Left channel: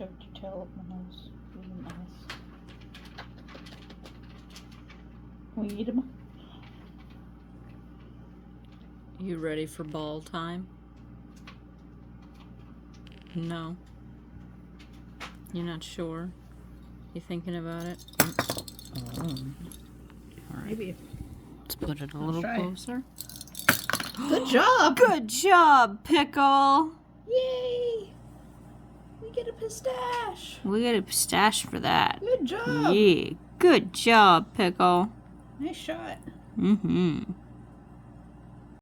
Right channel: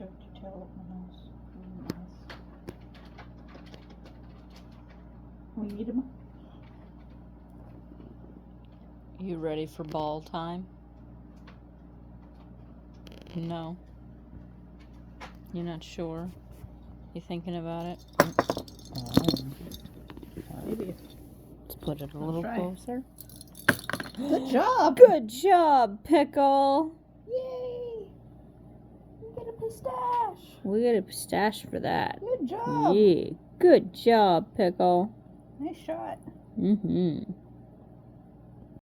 shoved your tail up my nose. Nice. We eat them. You ready for ball time? No. You're not sure? You thinking about it? Oh. All right. Maybe. Let's put it a Let's little try. closer. Good job. Good job, Pickle. Yay. We get a pistache. We get a pistache for that. Good job. Yeah. Good job, Pickle. Nice shot. Mm-hmm.